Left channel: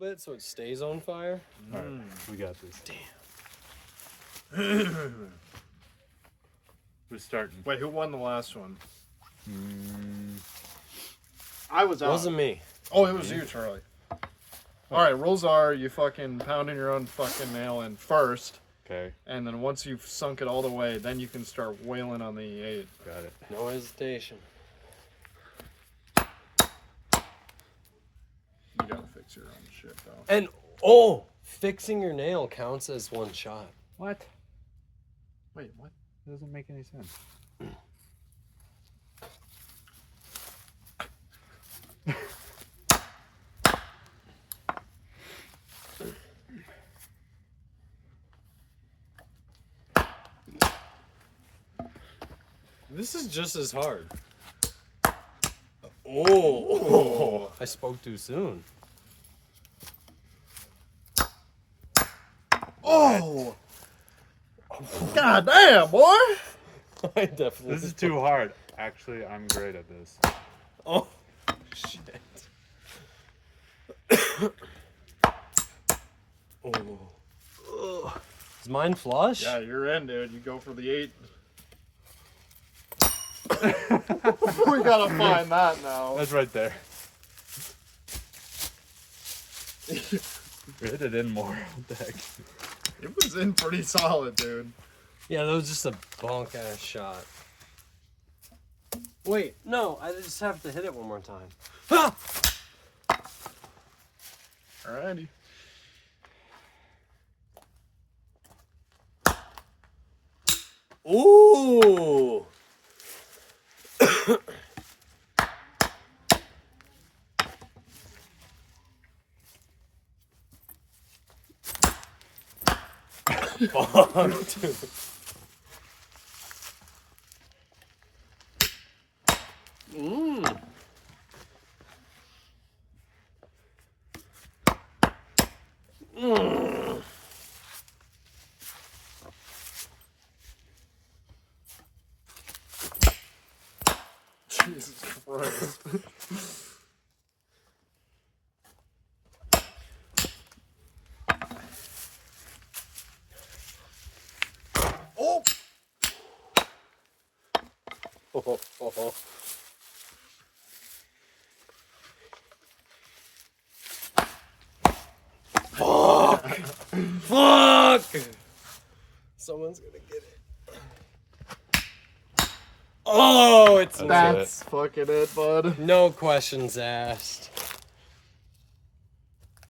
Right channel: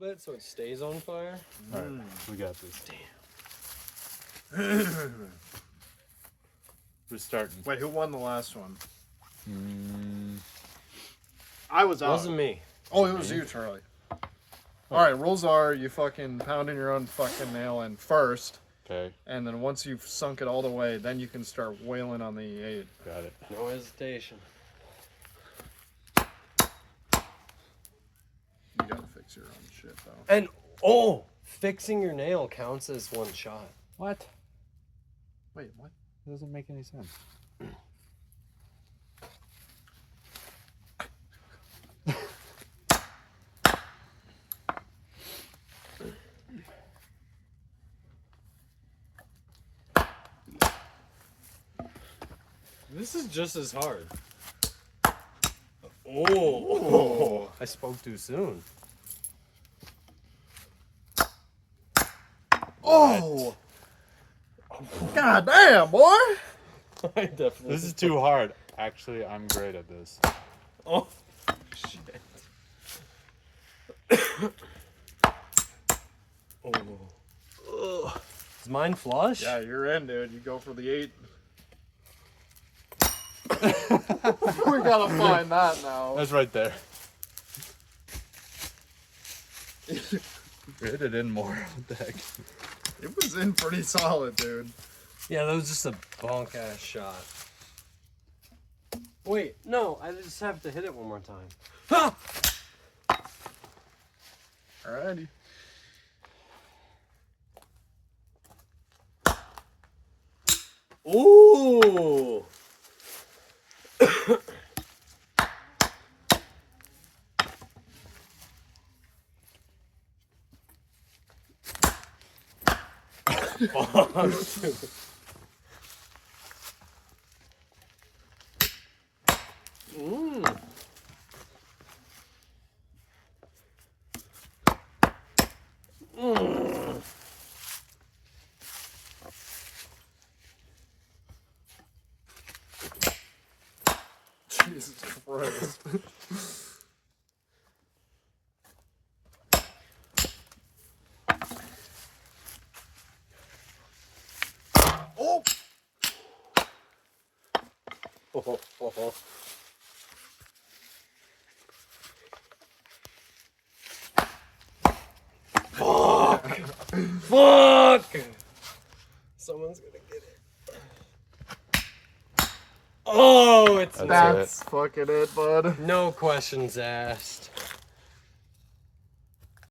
bit so it stays on fire. All right, we got this. Damn. Who's starting? Wait, who won the last one? I was out. Wasn't me. Oh, it was you, Charlie. Alright, rules are you fucking pounding your own fucking nail in first. Okay, And then once you've sunk it all the way, then you can start wailing on the E8. got it. No hesitation. You gotta fix your own shit, though. And fixing your nail counts as one shot. What? Wait, what? It doesn't make any sense. This is just as hard. Oh, I spoke too soon. Oh! God damn, boy! I definitely. This is too hard. Actually, I'm great at this. Oh, shit. Oh. Is mine flush? Yeah, you're in, dude. You go for the 8. We gotta find that now. That's right there. Hit it in more. What the heck? It was in pretty solid, dude. Yeah, that was just a bonk ass shot. Wait, no, I just have to hit it one more time. Ah! Alrighty. Ooh! Mm. Mm. Jesus Christ. Oh! Fuck! Fuck! Someone's gonna get it. Oh, it's That's That's fucking it, bud. no questions asked.